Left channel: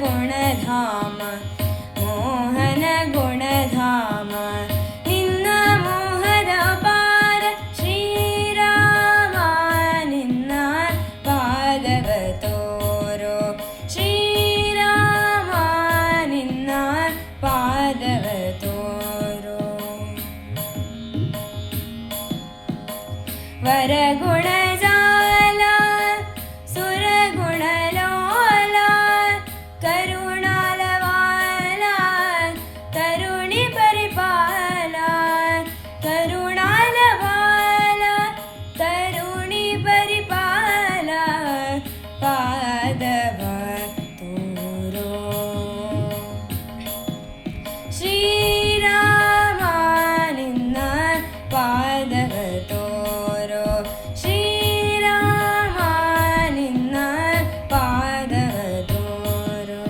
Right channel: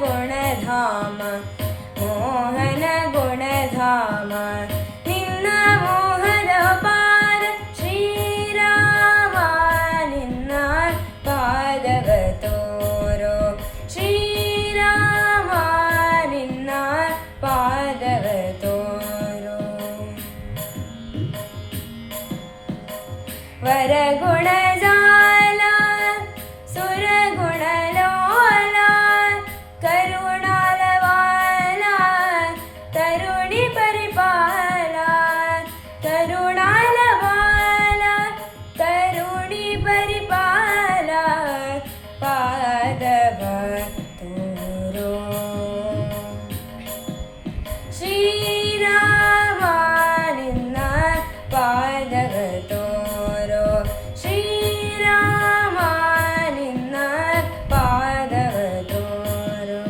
ಗುಣಧಾಮ ಮೋಹನ ಗುಣಧಾಮ ನಿನ್ನ ಮೋಹದ ಪಾದ ಶ್ರೀರಾಮ ನಿನ್ನ ಪಾದವ ತೋರೋ ಶ್ರೀರಾಮ ನಿನ್ನ ಪಾದವ ತೋರೋ ವರಗುಣ ಜಾಲ ಸುರಗುಣ ಲೋಲ ಕರುಣಾಲವಾಲ ತರುಣಿ ಪರಿಪಾಲ ಕರುಣಾಲವಾಲ ತರುಣಿ ಪರಿಪಾಲ ಪಾದವ ತೋರೋ ಶ್ರೀರಾಮ ನಿನ್ನ ಪಾದವ ತೋರೋ ಶ್ರೀರಾಮ ನಿನ್ನ ಪಾದವ ತೋರೋ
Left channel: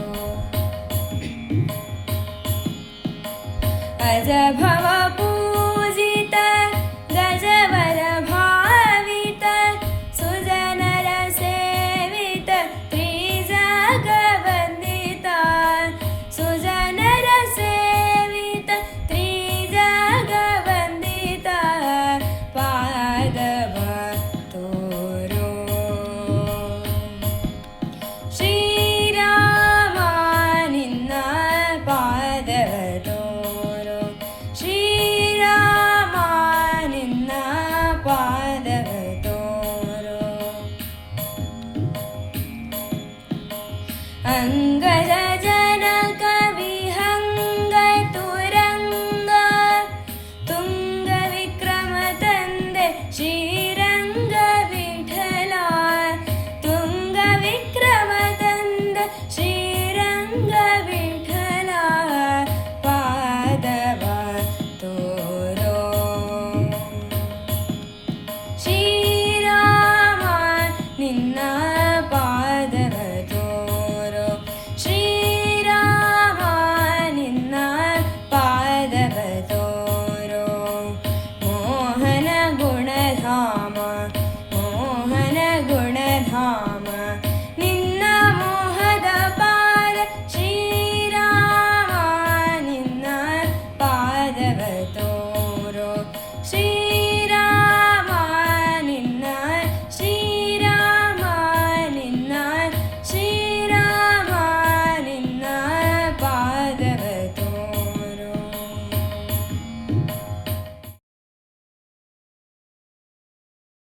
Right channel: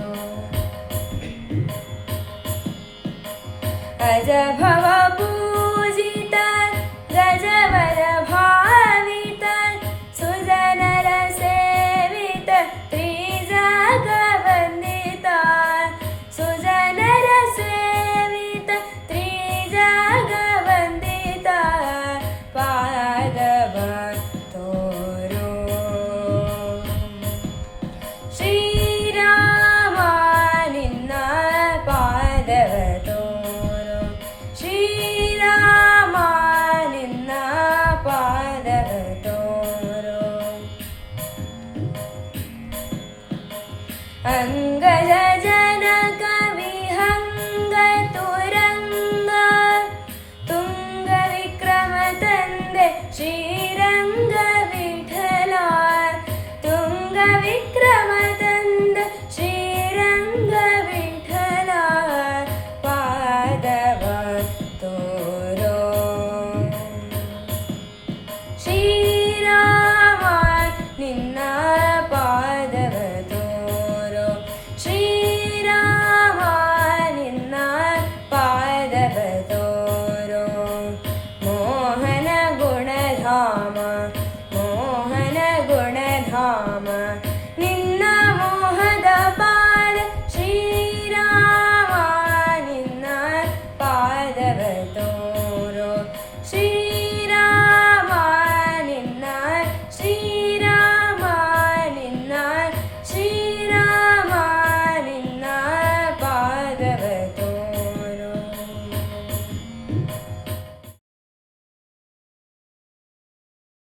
ಅಜಭವ ಪೂಜಿತ ಗಜವರ ಭಾವಿತ ಸುಜನರ ಸೇವಿತ ತ್ರಿಜಗವಂದಿತ ಸುಜನರ ಸೇವಿತ ತ್ರಿಜಗವಂದಿತ ಪಾದವ ತೋರೋ ಶ್ರೀರಾಮ ನಿನ್ನ ಪಾದವ ತೋರೋ ಶ್ರೀರಾಮ ನಿನ್ನ ಪಾದವ ತೋರೋ ಅಂಗಜ ಜನಕ ವಿಹಂಗ ತುರಂಗ ತುಂಗ ವಿಕ್ರಮ ತಂದೆ ಶ್ರೀರಂಗ ವಿಠಲ ತುಂಗ ವಿಕ್ರಮ ತಂದ ಶ್ರೀರಂಗ ವಿಠಲ ಪಾದವ ತೋರೋ ಶ್ರೀರಾಮ ನಿನ್ನ